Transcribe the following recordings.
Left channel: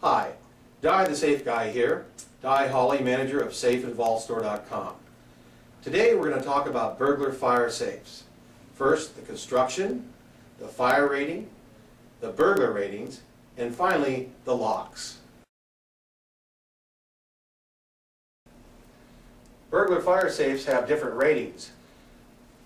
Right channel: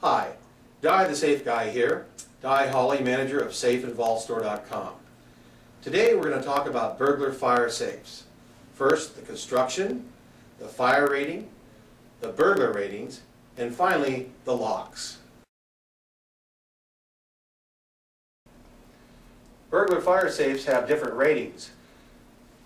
Hi, Di the Safe Guy here, Di Hawley, manager of safeandvaultstore.com. Today we're going to talk about burglar fire safes. First, the construction, the fire rating, the burglar ratings, and finally, the locks. Burglar fire safes have different ratings.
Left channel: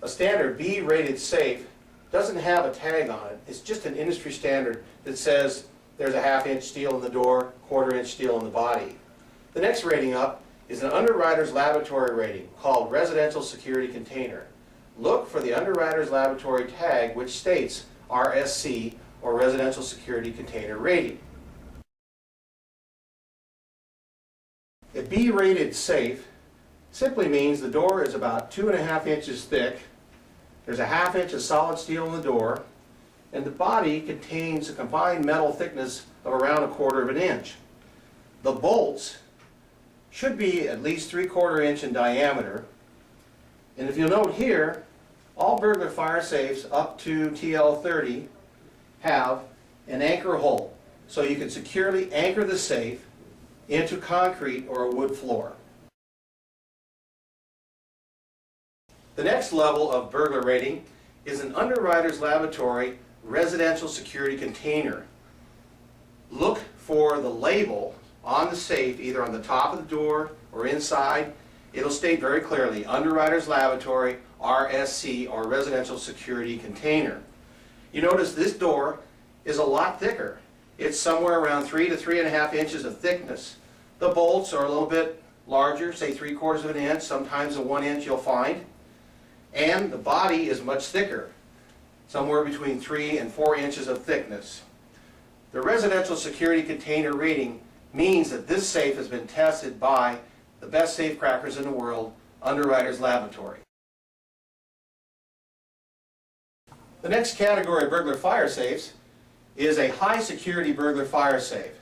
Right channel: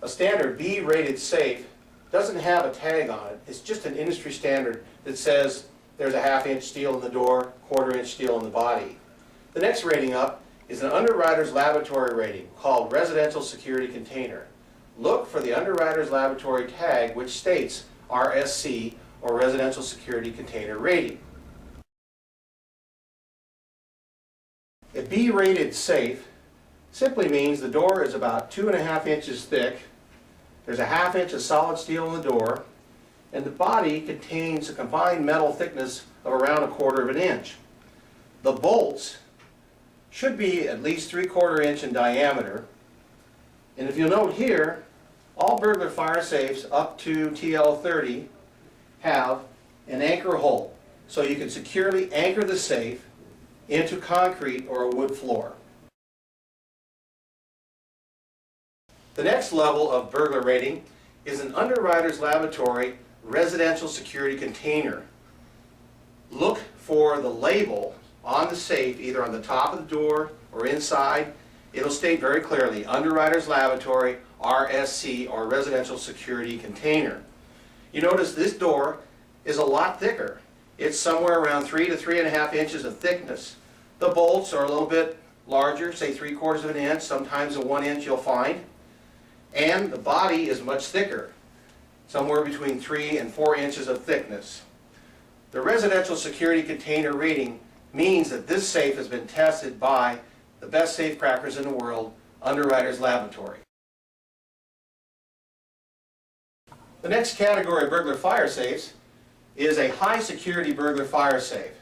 A standard B-rated safe doesn't have a tag on it. It's just an industry standard that says there's a half-inch steel in the door, quarter-inch steel in the body. The next rating up is an Underwriters Laboratory rating called Residential Security Container. Look for the Underwriters Laboratory tag which states RSC, or Residential Security Container rating. A B-rated safe simply means the door is about 2.5 inches thick. There's a half inch of solid steel in the door, and the body contains a combined metal thickness of around 1/4 inch. The bolts should be at least 3/4 inch in diameter, and if you'll note here, all burglar fire safes up to TL30 have an anchor hole, so you can securely anchor the safe into concrete or a wood floor. The next level of burglar rating is an Underwriters Laboratory Residential Security Container. Look for the label on the safe, either on the top of the door or inside. It'll state very clearly, Underwriters Laboratory, RSC, or Residential Security Container. You notice this door is a lot thicker. It's somewhere around 3 to 3.5 inches of thickness. The bolts are a little bit larger, say 3/4 inch, sometimes a 1 inch you'll find. And the body is much thicker, somewhere between 3 and 4 inches of thickness. The Residential Security Container rating means that this safe has been tested by the best safe crackers in the world, Underwriters Laboratory. The next category of burglar fire safes is a high security burglar fire safe.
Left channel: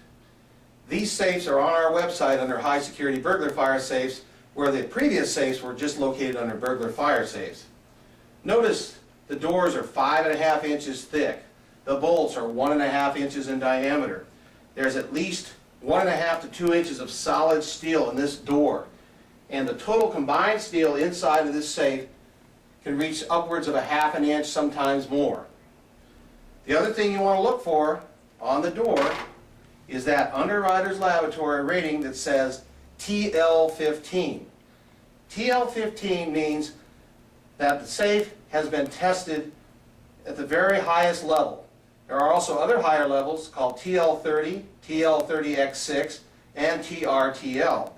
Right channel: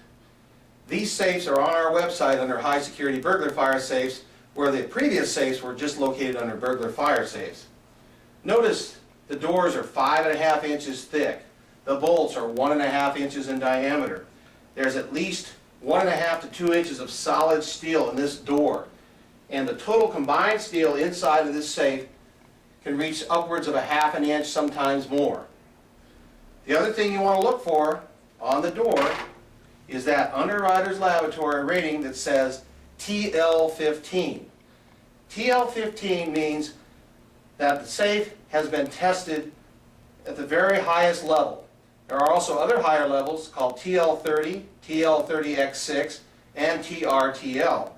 These safes are on our website under high security burglar fire safes, where the previous safes were just located under burglar fire safes. Notice the doors are 5.5 inches thick. The bolts are 1.5 inches in diameter. There's at least 1.5 to 2 inches of solid steel in this door. And the total combined steel inside of this safe can reach upwards of 1/2 inch, sometimes more. The other thing you want to look for on the door is that Underwriters Laboratory rating that says TL15. TL15 means that the safe has been tested at the very highest level. There are also other higher levels called TL30, TL30X6, and TRTL.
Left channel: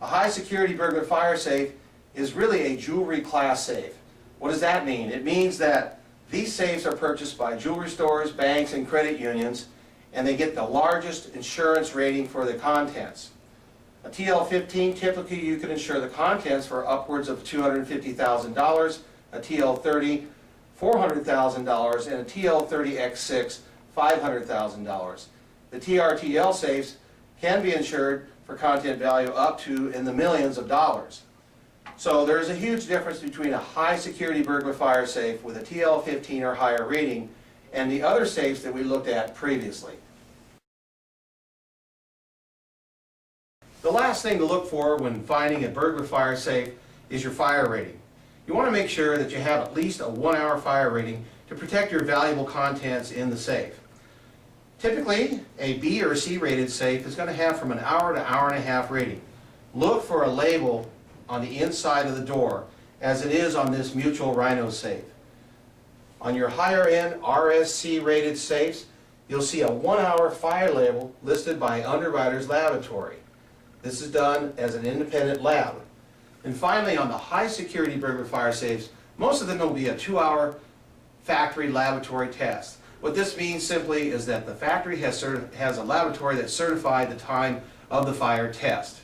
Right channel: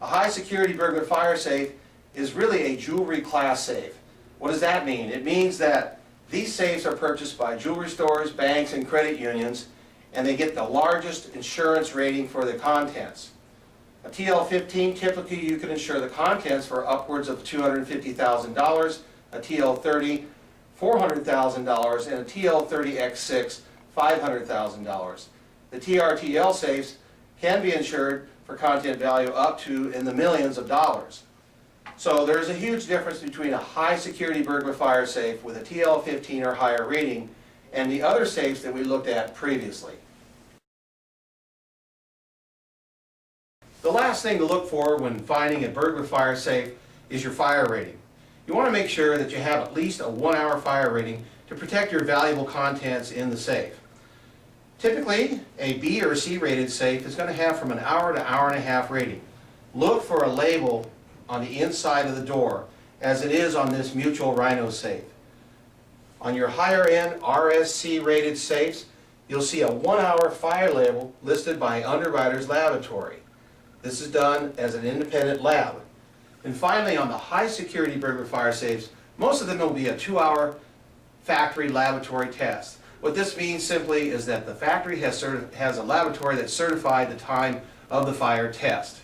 A high security burglar fire safe is really a jewelry class safe. What does that mean? It means that these safes are purchased by jewelry stores, banks, and credit unions, and they get the largest insurance rating for the contents. A TL15, typically you can insure the contents for upwards of $250,000, a TL30, $400,000, and a TL30X6, $500,000. The TRTL safes can be insured for content value up to in the millions of dollars. So there's a huge difference between a high security burglar fire safe with a TL15 or higher rating and the other safes that we looked at previously. The last thing to look for when finding a burglar fire safe is your fire rating. You want to make sure that you have at least a 1-hour fire rating to protect your valuable contents in the safe. Typically, a B or C rated safe is going to have from an hour to hour and a half rating. Look for a label on the inside of the door, as it is on this Mutual Rhino safe. On your higher end RSC rated safes, you'll see a 1-hour fire label listed by Underwriters Laboratory. This is done as an independent lab. And finally, on the high security burglar fire safes, most of them will be a 2-hour factory laboratory test. What this means simply is that the factory has a laboratory that certified the time of the fire test.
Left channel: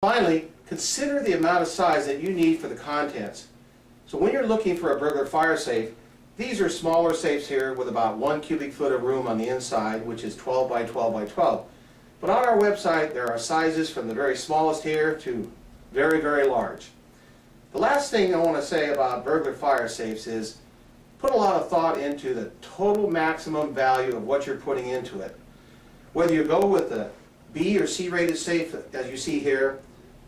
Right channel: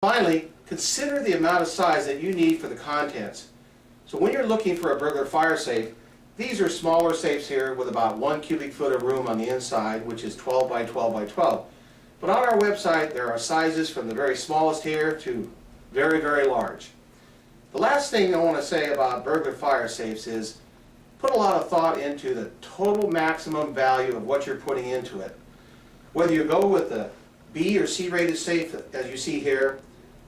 Finally, consider the amount of size that you need for the contents. So when you're looking for a burglar fire safe, these are smaller safes here with about 1 cubic foot of room on the inside, which is 12 by 12 by 12. But on our website, there are sizes from the very smallest here to very, very large. The last thing I want to say about burglar fire safes is put a lot of thought into the total maximum value of what you're putting into it. Whether you go with the B or C rated safe, as you see here,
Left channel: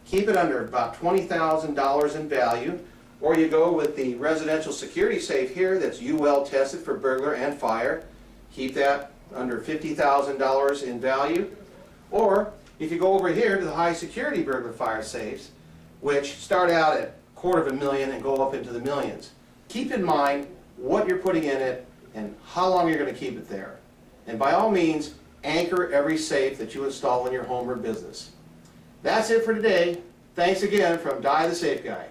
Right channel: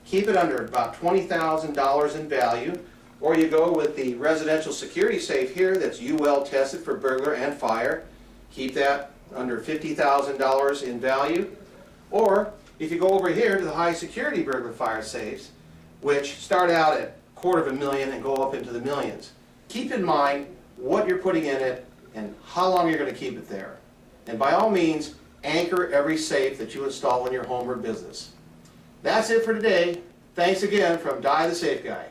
keep it under about $20,000 in value, or you go with the residential security safe here that's UL tested for burglar and fire, keep that under $50,000 in value. Or if you go over here to the high security burglar fire safes, which start out at $250,000 and go up into the millions. Keep in mind what you're putting in it and how long you're going to keep it there. And by all means, anchor every safe that you install in your home or business. That's it for today. Thanks again from Di the Safe Guy.